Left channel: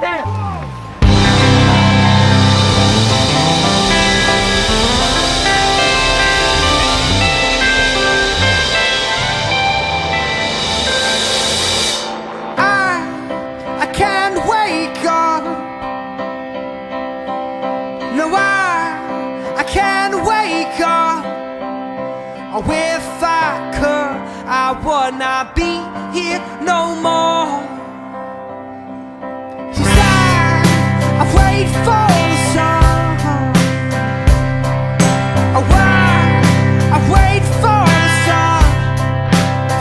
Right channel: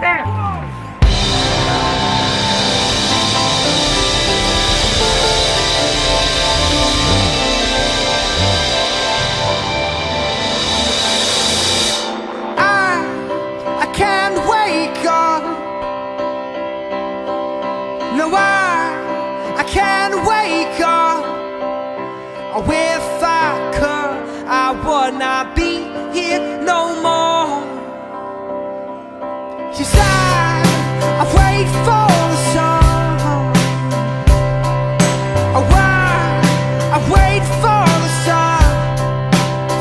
right there. I can't wake up. No, I can't wake up. Oh, if I could, I would not be here no more. Yes, I wait for the sun. Oh, I wait for the sun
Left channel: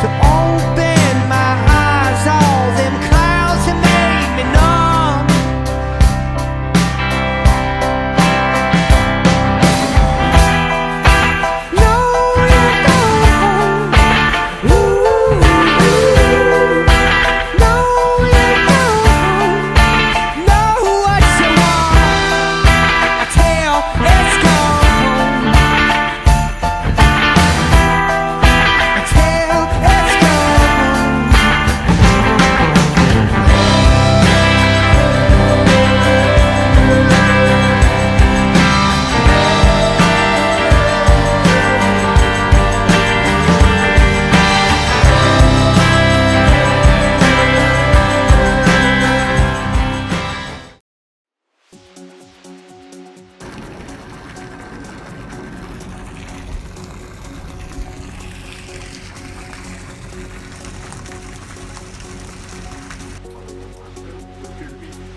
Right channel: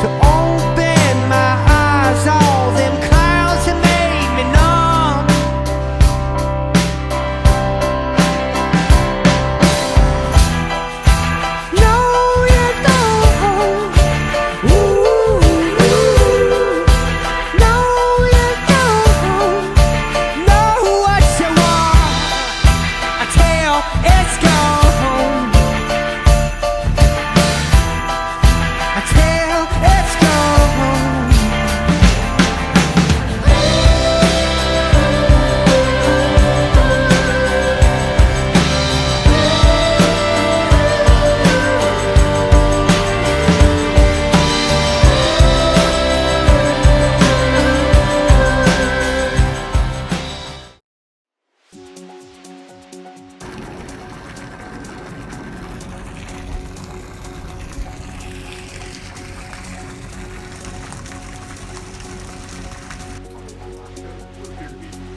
to open my eyes. All them clouds have made me numb.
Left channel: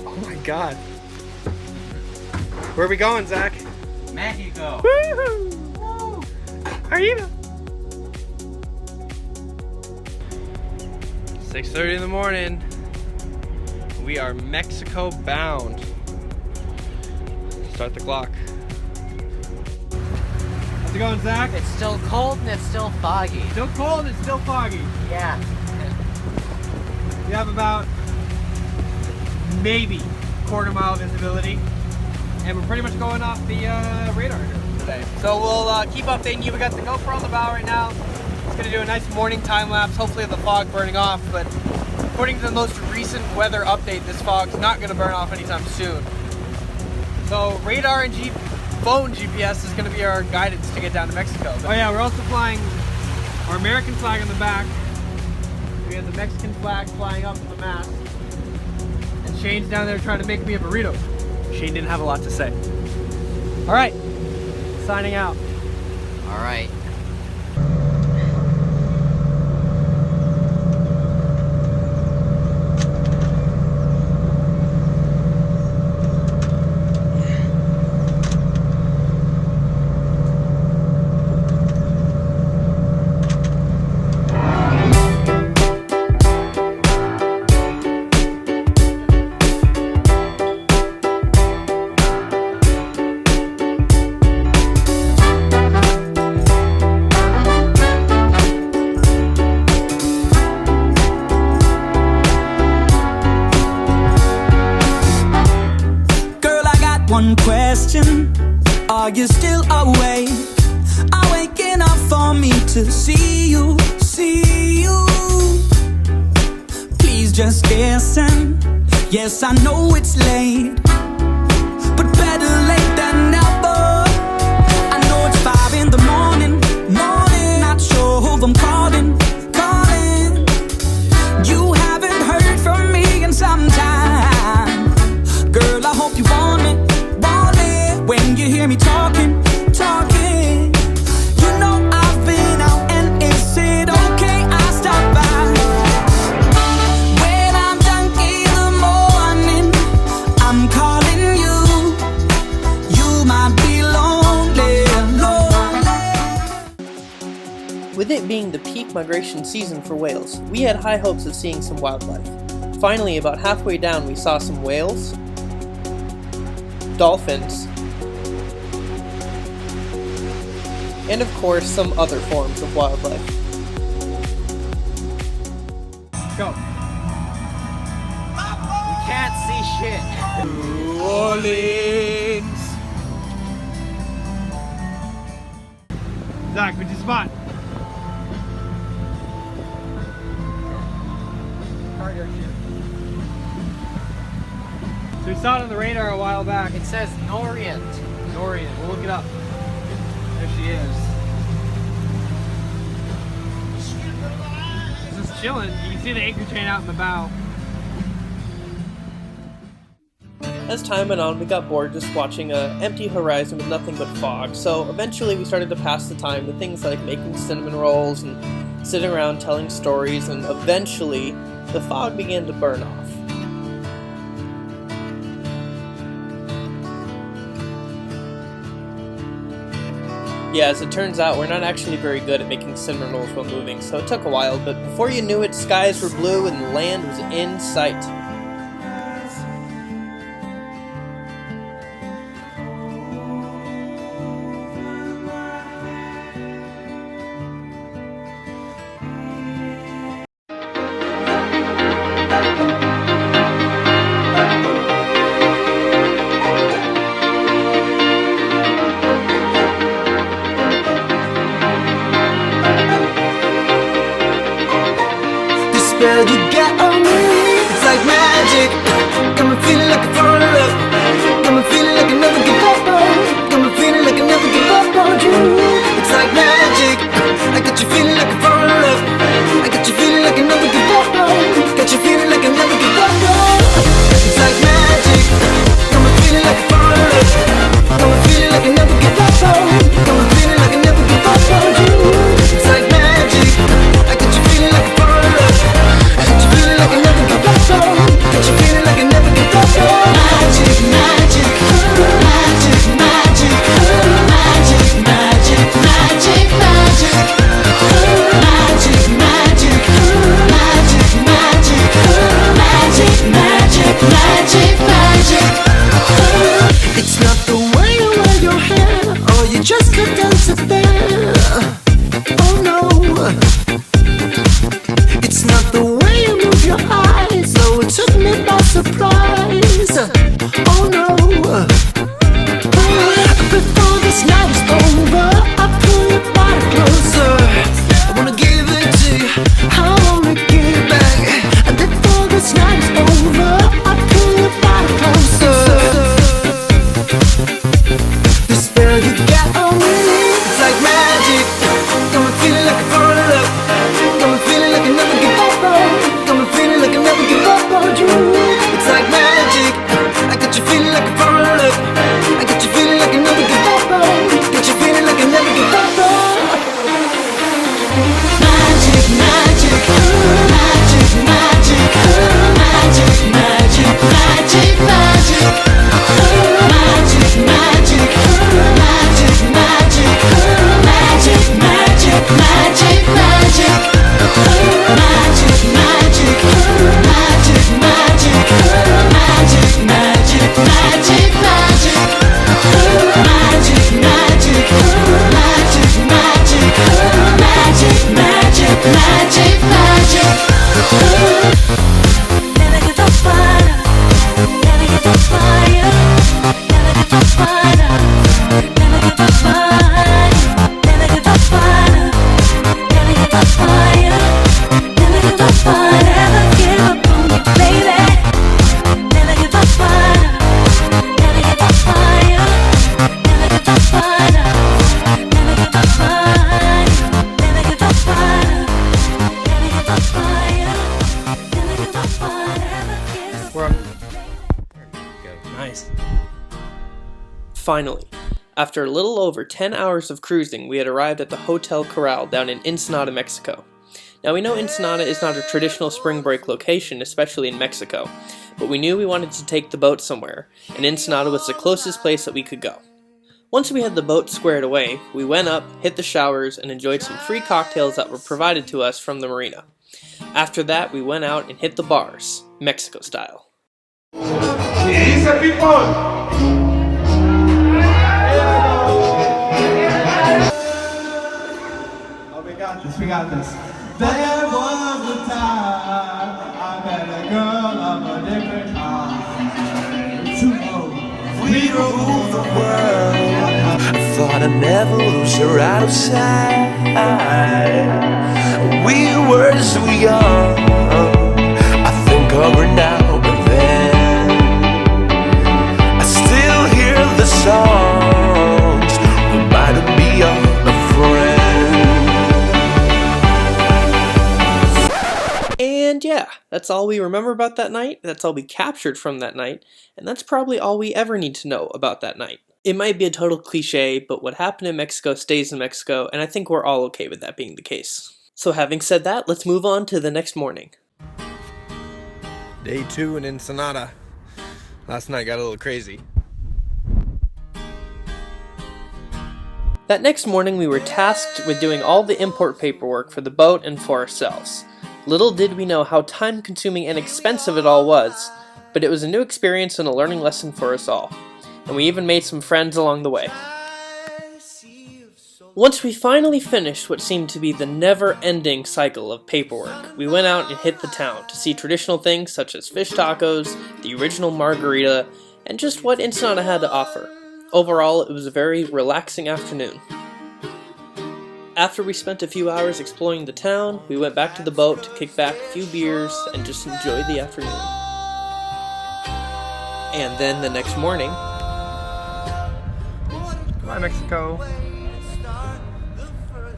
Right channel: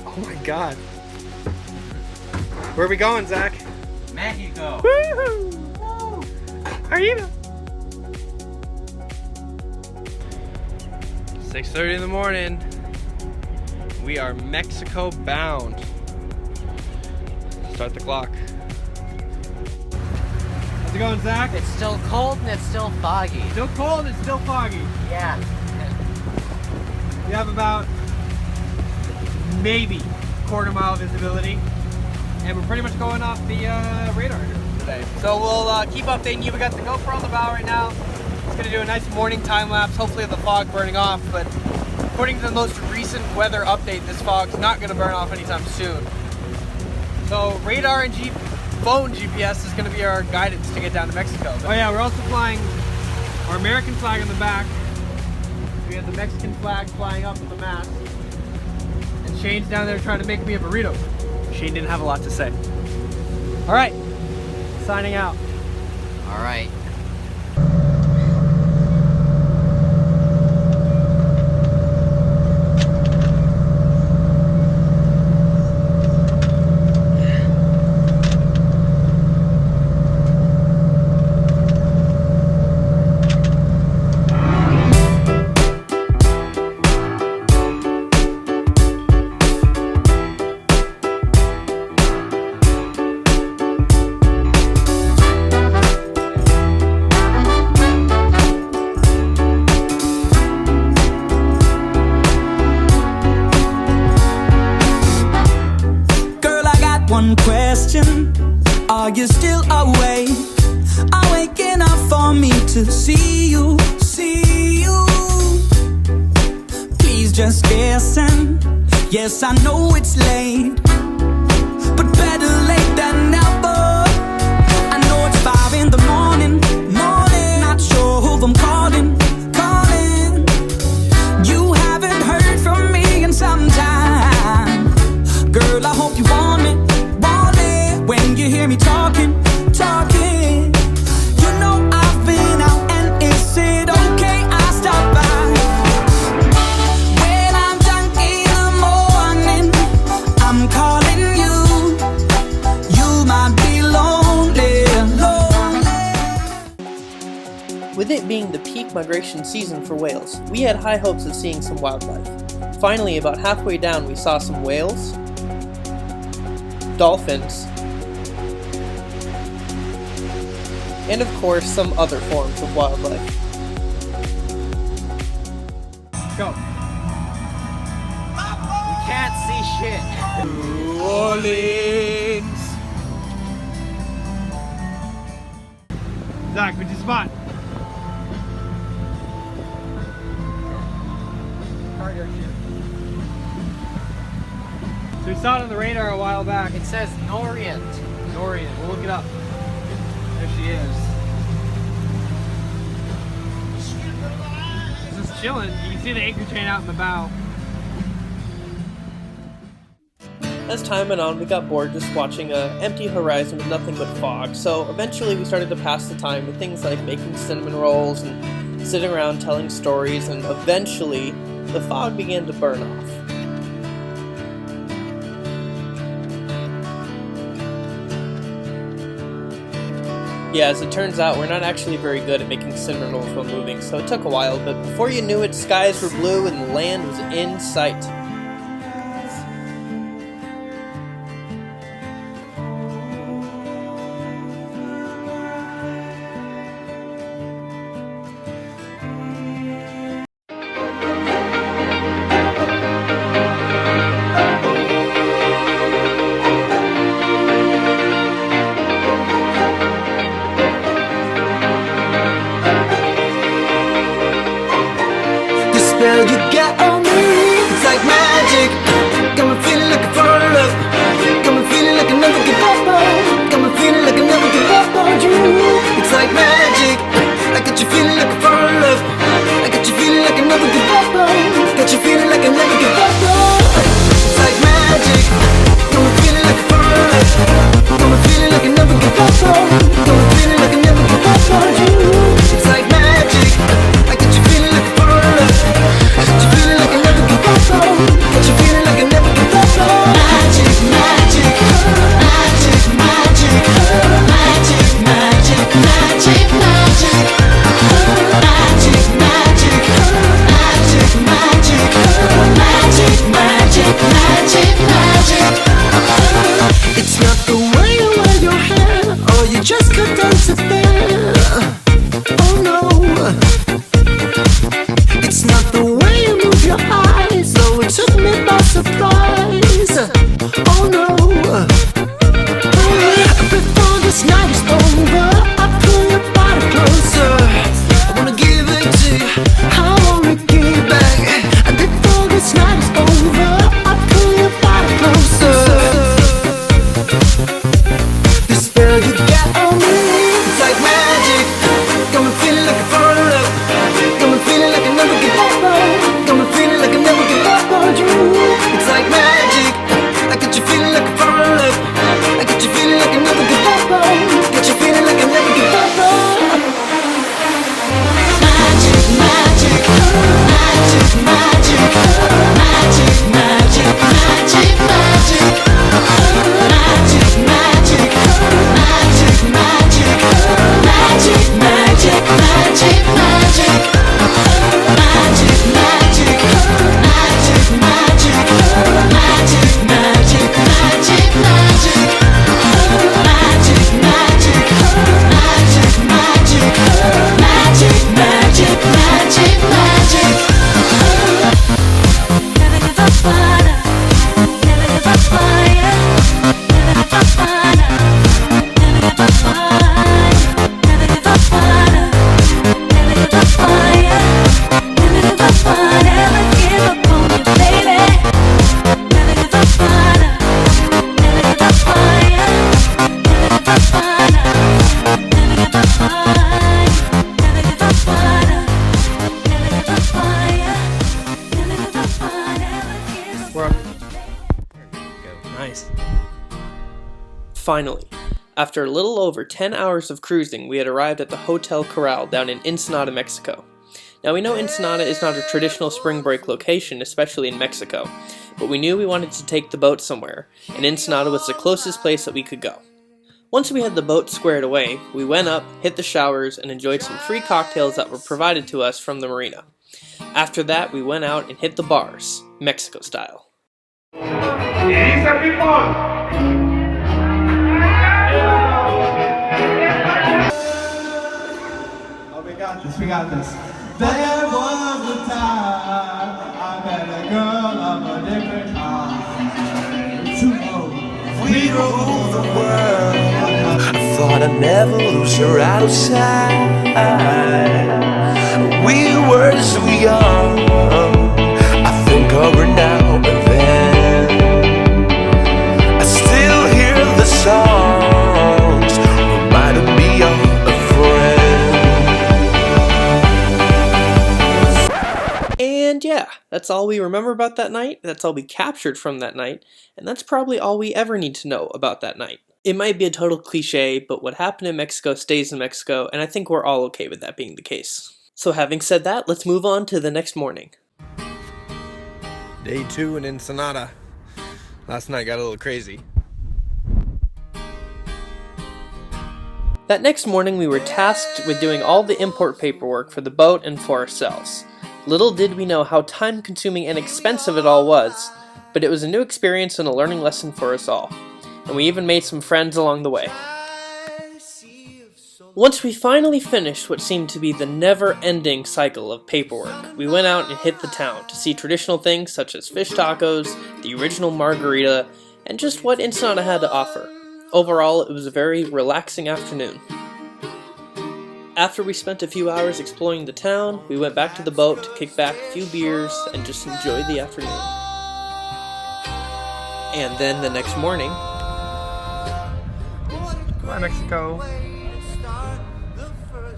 Oh my god. Where are we going, Zach? Mexico. Woohoo! Woo! Arriba! 6:30 in the morning. We are Mexico bound. Start the clock. How's it going, Zach? It's still cold and it's still foggy. Still cold and still foggy. Yeah. We have about maybe quarter-mile visibility, and we're pretty much going off the radar here today. So we'll keep updating you. We got the GoPro on the bow right now. It's gonna do a nice morning time lapse. Hopefully the fog burning off, but according to the most recent weather update, this fog's not gonna burn off anytime soon. So radar and phone GPS is gonna be our guidance to get down to Mexico. Oh yeah, we're also flying our American flag on the back. We have the Mexican flag flying up with the mast. And Shane's down there trying to make me a burrito. Shane didn't have a lot to say. All right, signing out. All right. One question, are you still awake? Are waking up for me to see you, see you? Please just listen. Yes, I know it's late, but better late than never. I know it's 5 in the morning, not sure who I'm calling. You haven't heard from me in some time. Girl, I hope you want me. When you hear me talking, you know I've been out, and is it okay I stop by? When I'm drunk in the morning, I'm calling you. You might be lonely. With it being the peak migration season for whales, we had high hopes of seeing some wildlife. Finally, about halfway down, we saw some whales, dolphins, and of course some other forms of wildlife. Go. We can't see shit. New Orleans. Zach, what'd you spot? We saw it on the radar a while back. It says Norient. Dorian, we'll look it up. There she is. Just chilling. You can see the anchor chain out in the bow. As time went on, we got bored just watching an empty horizon with nothing but fog, so eventually we started to pass the time with things like making cinnamon rolls and sitting around telling stories, and eventually the fog began to burn off. Yeah, as it turns out, we're not actually very good at making cinnamon rolls while moving, so it took a while, but before you knew it, skies were blue and land was in sight. Spell you got on me, it's like magic. Got me feeling like a fall in love. Got me feeling like I never give up on. Got me feeling like I never give up on you. It's like magic. I got you feeling like a fall in love. I got you feeling like I never give up on. Got you feeling like I never give up on. It's like magic. Got me feeling like a fall in love. Got me feeling like I never give up on. Got me feeling like I never give up on you. It's like magic. I got you feeling like a fall in love. Got you feeling like I never give up on. Got you feeling like I never give up on. Magic, magic, magic, magic, magic, magic, magic, magic, magic, magic, magic, magic, magic, magic, magic. It's not the way you wear your hair, or you just cut down to there. Oh no. It's not the way you move your eyes, though it took me by surprise. Oh no. Before this night is over, I pull your body closer. I wanna give it to you, I wanna give it back. And before this night is over, I pull your body closer. The spell you got on me, it's like magic. Got me feeling like I fall in love. Got me feeling like I never give up on. Got me feeling like I never give up on you. It's like magic. I got you feeling like I fall in love. I got you feeling like I never give up on. Got you feeling like I never give up on. Magic, magic, magic, magic, magic, magic, magic, magic, magic, magic, magic, magic, magic, magic, magic, magic, magic. Magic, magic, magic, magic, magic, magic, magic, magic, magic, magic, magic, magic, magic, magic. We're up. There we go. Nice. Finally, after a little over 10 hours of cruising, we had arrived at the Hotel Corral down in Ensenada, Mexico. Now we know Ensenada is not a traditional spring break location, especially in Mexico, but we knew we wanted to take the boat somewhere, and Ensenada was the closest place that we could go. Once we had the boat squared away, we went up, hit the showers, and enjoyed some free cocktails that were provided to us from the marina. After that, we went out and hit the bars, Mexico style. We got this. There was a time I met a girl of a different kind. We ruled the world. I thought I'd never lose her out of sight. We were so young. I think of her now and then. And yeah, that's all we remember about that night, that's all we captured from that night, and that's probably all we ever need to know about that night. It might be a total cliche, but what happened in Mexico stays in Mexico, and I think we're all okay with that being the case. So having said that, let's move on to the next morning. Day 2 in Ensenada. Last night got a little crazy. That next morning we were tasked with doing all the import paperwork for the boat and for ourselves. Little did we know how time-consuming and expensive it all was, but it was a new experience and a learning lesson for us all. And we even made some friends along the way. Once we finally finished what seemed to be the never-ending cycle of paperwork, we went out and hit the town to see traditional things such as fish tacos, the original margarita, and just what Ensenada had to offer. Overall, it was a very relaxing afternoon. After we spent a few hours exploring the town, we went back to the boat to kick back a few beers and just enjoy the afternoon. And then the next morning... Bye, Mexico.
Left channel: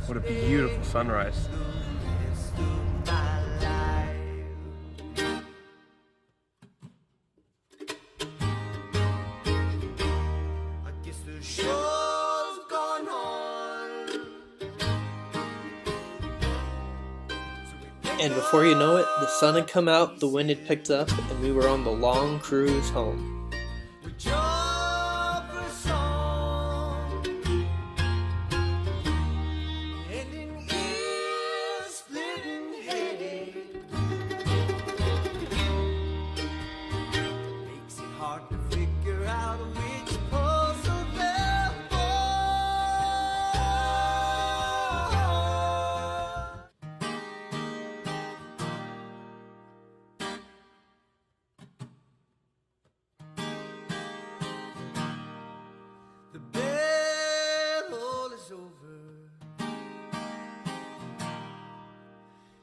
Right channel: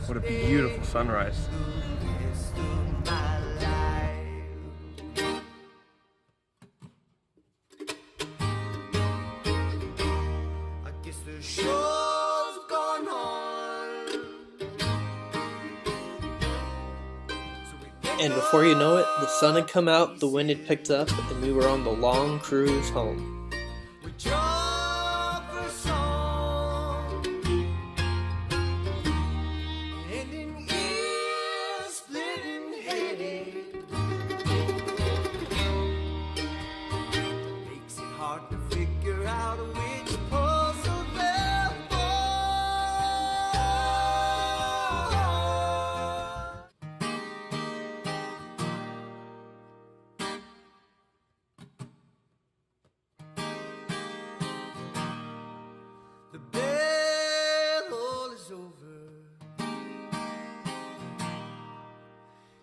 What a beautiful sunrise. And before you know it, the sun had come out, the wind had picked up, and we were on the long cruise home.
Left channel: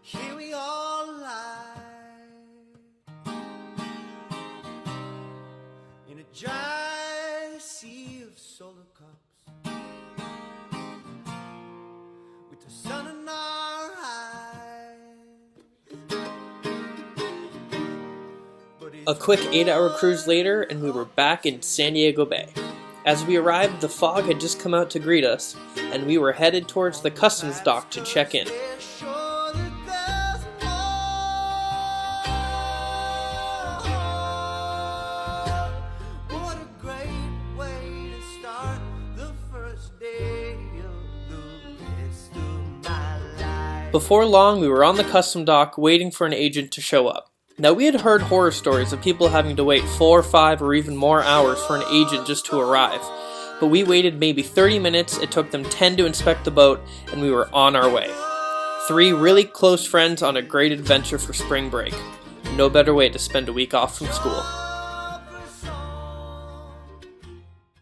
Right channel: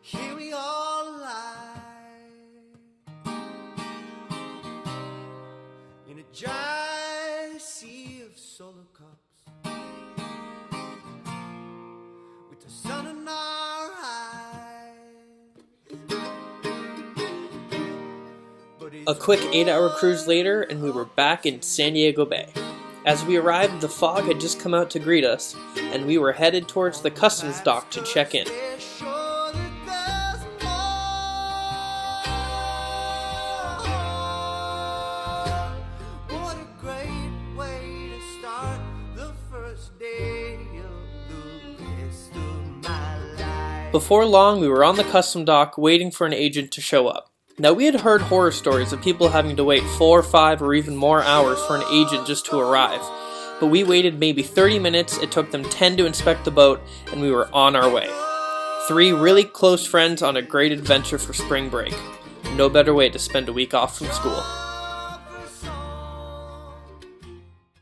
Here we all lie in a dry sea of solar cups, with the sun in our eyes. A quick 8-hour cruise later, and we were back in San Diego Bay. As we arrived, the fog had just come out to greet us, and we were headed towards the customs dock to check in. Before long, we were on the custom dock waiting for an agent to show up. Now, we had heard horror stories of people having to wait 4, 5, or even more hours for an agent just to arrive. But we waited maybe 30 minutes, it took them 10 to inspect the boat, and we were on our way. 3 really close friends on a great adventure for spring break. No better way to spend a week off from school.